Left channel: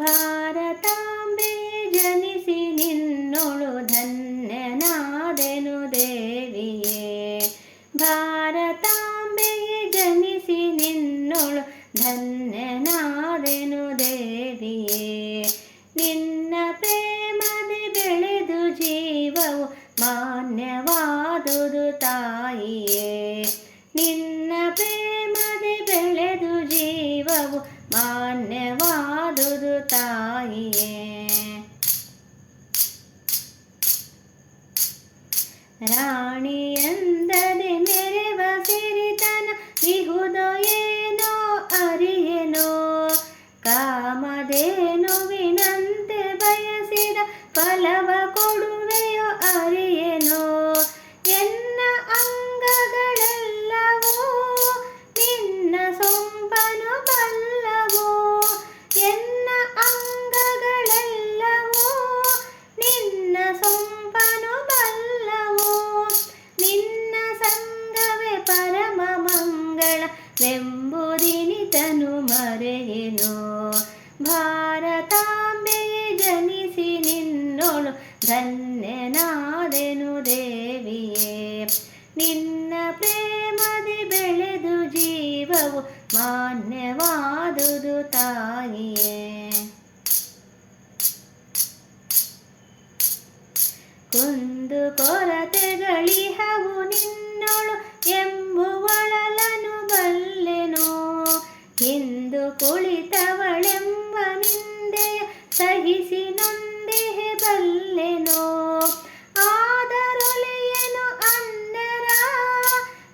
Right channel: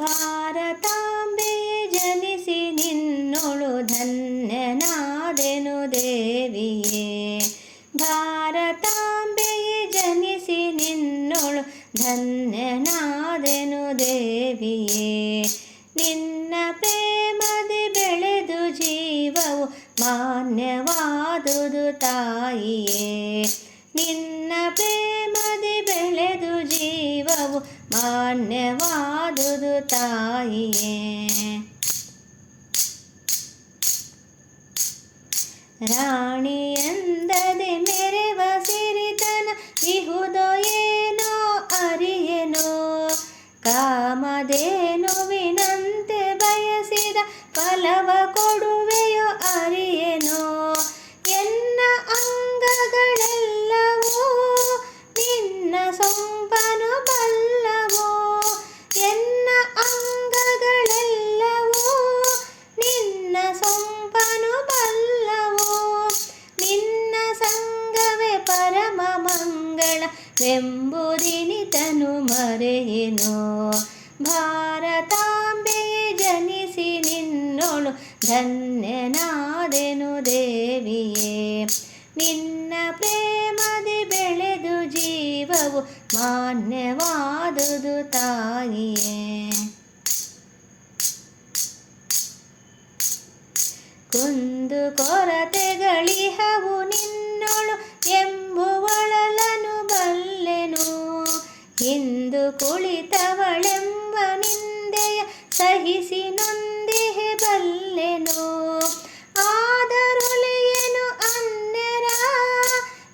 ಭಾರತಾಂಬೆಯೇ ಜನಿಸಿ ನಿನ್ನೊಳು ಧನ್ಯನಾದೆನು ದೇವಿಯೇ ಭಾರತಾಂಬೆಯೇ ಜನಿಸಿ ನಿನ್ನೊಳು ಧನ್ಯನಾದೆನು ದೇವಿಯೇ ನಿನ್ನ ಪ್ರೇಮದಿ ಬೆಳೆದು ಜೀವವು ಮಾನ್ಯವಾದುದು ತಾಯಿಯೇ ನಿನ್ನ ಪ್ರೇಮದಿ ಬೆಳೆದು ಜೀವವು ಮಾನ್ಯವಾದುದು ತಾಯಿಯೇ ರಾಣಿಯಂದದೆ ಮೆರೆವ ಸಿರಿತನ ಇಹುದೋ ಏನೋ ಅರಿಯೆನೋ ಕಾಮಧೇನುವಿನಂತೆ ಮರೆಯೇನೋ ಭಾರತಾಂಬೆಯ ಜನಿಸಿ ನಿನ್ನೊಳು ಧನ್ಯನಾದೆನು ದೇವಿಯೇ. ನಿನ್ನ ಪ್ರೇಮದಿ ಬೆಳೆದು ಜೀವವು ಮಾನ್ಯವಾದುದು ತಾಯಿಯೇ. ಕುಂದು ಕೊರತೆಗಳಿಹವು ನಿನ್ನೊಳು ಎಂಬುವಳಲನು ಬಲ್ಲೆನು. ಇಂದು ಕುಳಿತವಳೆಂಬ ನಿಂದೆಯ ಸಹಿಸಿ ನೊಂದಿಹೆ ಬಲ್ಲೆನೋ? ಆದರೊಲಿಯೇನು ಅನ್ನರ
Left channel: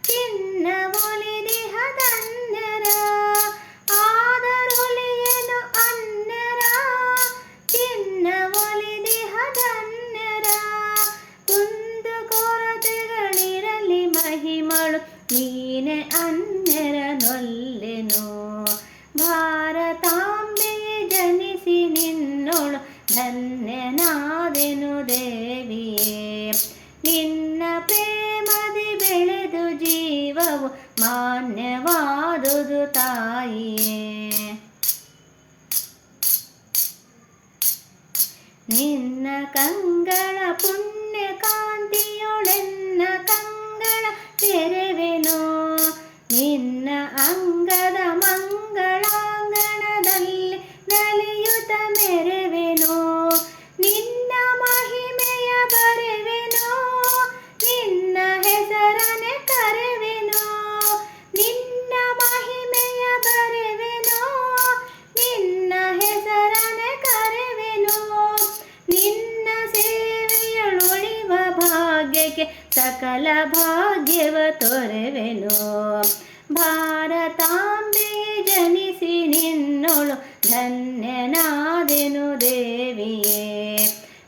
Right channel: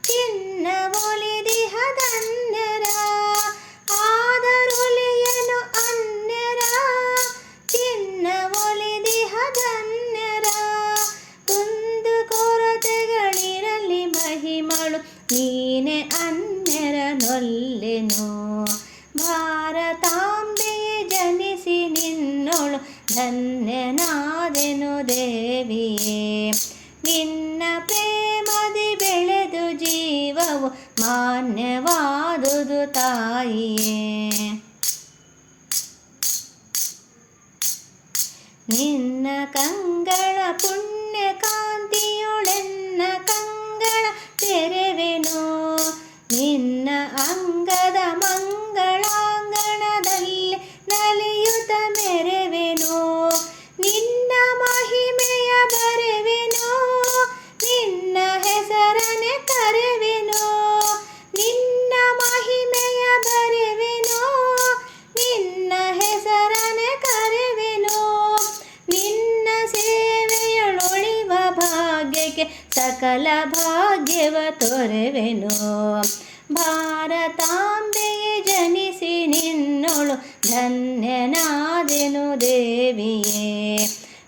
ಚಿನ್ನ ಒಲಿದಿಹ ಧನ್ಯರ ಆದರೊಲಿಯೇನು ಅನ್ನರ ಚಿನ್ನ ಒಲಿದಿಹ ಧನ್ಯರ ಕುಂದು ಕೊರತೆಗಳಿರಲಿ ಮಹಿಮಳು, ನೀನೆ ಅನ್ನರ ನೊಲ್ಲೆನು? ಭಾರತಾಂಬೆಯೇ ಜನಿಸಿ ನಿನ್ನೊಳು ಧನ್ಯನಾದೆನು ದೇವಿಯೇ. ನಿನ್ನ ಪ್ರೇಮದಿ ಬೆಳೆದು ಜೀವವು ಮಾನ್ಯವಾದುದು ತಾಯಿಯೇ. ನಿನ್ನ ಕಂಗಳ ಪುಣ್ಯ ಕಾಂತಿಯೊಳೆನ್ನ ಕಂಗಳ ತೆರೆವೆನೋ. ನಿನ್ನ ಅಂಗದ ಸಕಲ ಭಾಗ್ಯವ ತೊರೆವೆನು. ಭಾರತಾಂಬೆಯೇ ಜನಿಸಿ ನಿನ್ನೊಳು ಧನ್ಯನಾದೆನು ದೇವಿಯೇ.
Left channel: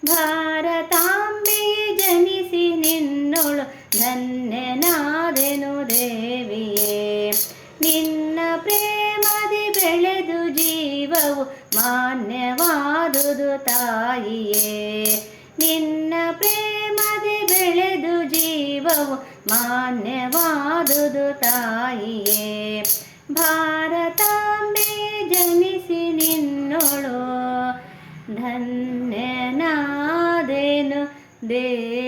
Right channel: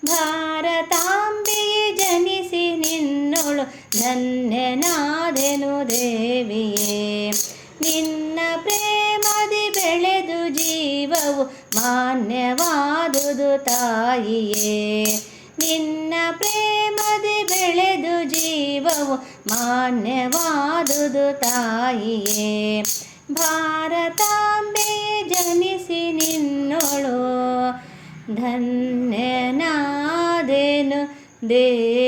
ಭಾರತಾಂಬೆಯೇ ಜನಿಸಿ ನಿನ್ನೊಳು ಧನ್ಯನಾದೆನು ದೇವಿಯೇ. ನಿನ್ನ ಪ್ರೇಮದಿ ಬೆಳೆದು ಜೀವವು ಮಾನ್ಯವಾದುದು ತಾಯಿಯೇ. ನಿನ್ನ ಪ್ರೇಮದಿ ಬೆಳೆದು ಜೀವವು ಮಾನ್ಯವಾದುದು ತಾಯಿಯೇ ಭಾರತಾಂಬೆಯೇ ಜನಿಸಿ ನಿನ್ನೊಳು ಧನ್ಯನಾದೆನು ದೇವಿಯೇ